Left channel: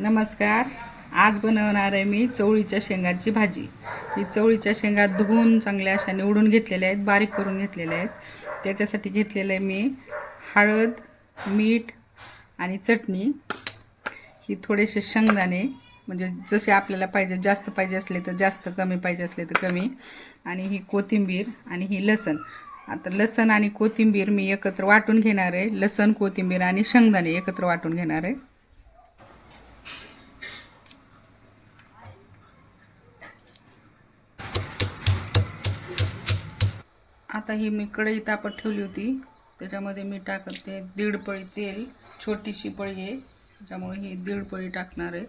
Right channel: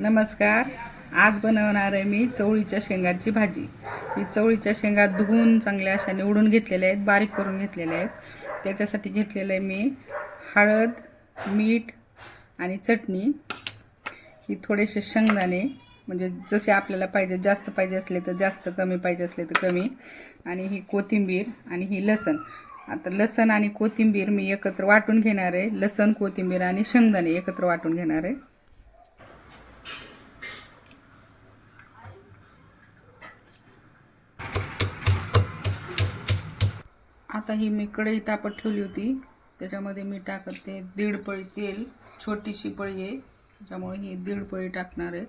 नमस्कार. आज बनवणार आहे मी चवळीच्या शेंगाची भाजी. ही चवळीच्या शेंगा धुवून चांगल्या अशा निवडून घेतलेल्या आहेत, बारीक करून घेतलेल्या आहेत. त्याच्यासाठी घेतलेलं आहे मी हळद, मीठ आणि चटणी. ही थोडेसे शेंगदाणे, म्हणजे जसे आपल्याला पाहिजे, जास्त पाहिजे असले तर जास्त, कमी पाहिजे असले तर कमी. आणि ही कोथिंबीर आणि ही लसण. आता लसण आणि कोथिंबीर मी एकत्र वाटून घेणार आहे. लसण, कोथिंबीर आणि शेंगदाणे एकत्र वाटून घेणार आहे. आता ही मी कढई तापत ठेवली होती, त्याच्यामध्ये मी टाकते 1.5 पळी तेल. छोटीशी पळी आहे त्याच्यामुळे ही 1.5 पळी टाकणार आहे.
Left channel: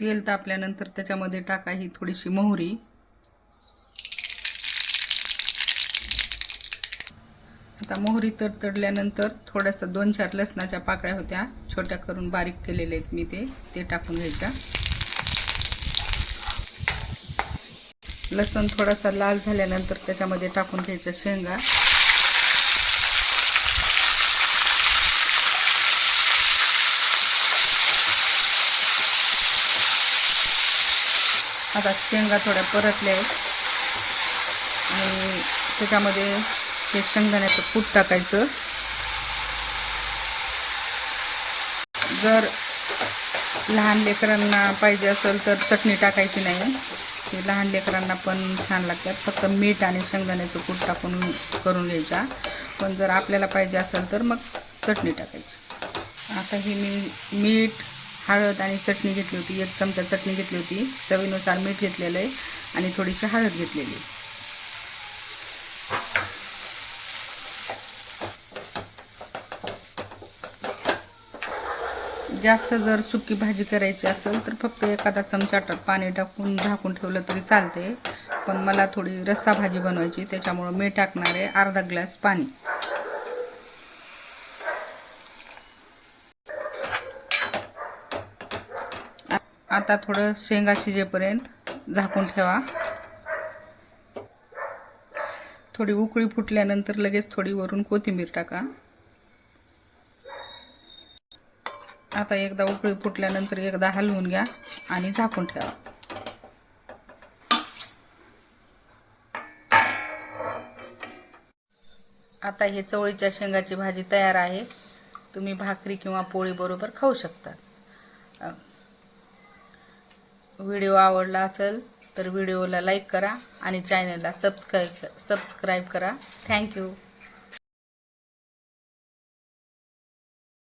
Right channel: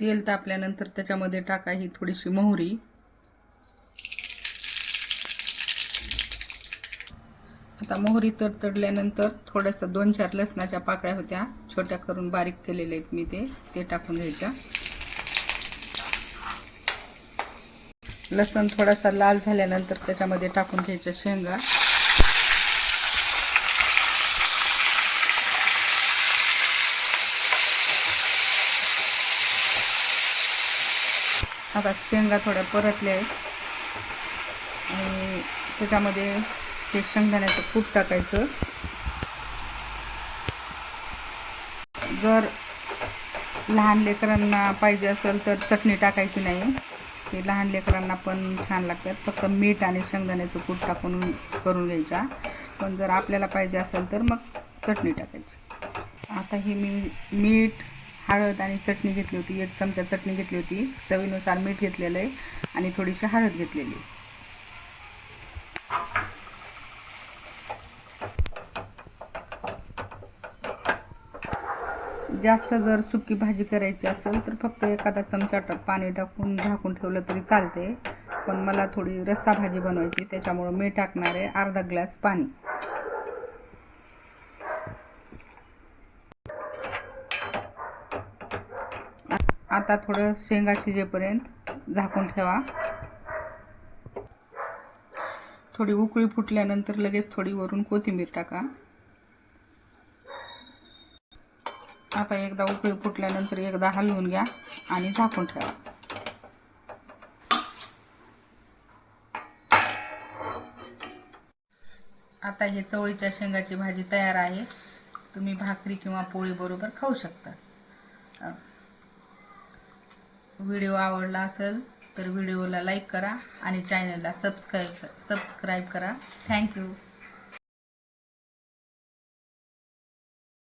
तेल तापल्यानंतर त्याच्यामध्ये टाका ही थोडीशी मोहरी. आता मोहरी तडतडल्यानंतर थोडंसं 2-4 लसणाच्या पाकळ्या होत्या, छोट्या करून बारीक केलेल्या आहेत मी, ते टाकून घ्यायच्या. लसण थोडासा लाल झाल्यानंतर त्याच्यामध्ये टाकून घ्यायच्या शेंगा. आता शेंगा थोड्या परतल्या आहेत आणि त्याच्यामध्ये हे शेंगदाण्याचं कूट टाकायचं. जर लहान लेकरांना पाहिजे असेल तर चटणी टाकायची नाही, ते लहान लेकरांना पण छान लागतात. फक्त मीठ आणि शेंगदाण्याचं कूट टाकून करून घ्यायच्या. पण जर आपल्याला पाहिजे असेल तर मग चटणी टाकायची. आता ही मी मीठ, हळद आणि चटणी घेतली होती. 1 चमचा चटणी घेतली होती, चवीनुसार मीठ घेतलेलं आहे आणि थोडीशी हळद घेतलेली. जास्त जर सुकी भाजी करायची असेल तर फक्त एखादा चमचा पाणी टाकून झाकून ठेवलं तरी चालते. पण मला थोडी रस्सा भाजी बनवायची, त्याच्यामुळे मी टाकणार आहे अर्धा ग्लास पाणी. आता थोडं शेंगा शिजेपर्यंत झाकून ठेवा. थोडी उकळी फुटल्यानंतर लगेच थोडी वरून कोथिंबीर टाका. आता एकदा उकळी फुटल्यानंतर एकदा हलवून घ्या आणि झाकून ठेवा. आता हे चवळीच्या शेंगाची भाजी तयार आहे. तुम्ही भाकरी किंवा पोळी बरोबर खाऊ शकता. व्हिडिओ आवडला असेल तर व्हिडिओला लाईक करा आणि चॅनलला सबस्क्राईब करा. थँक्यू.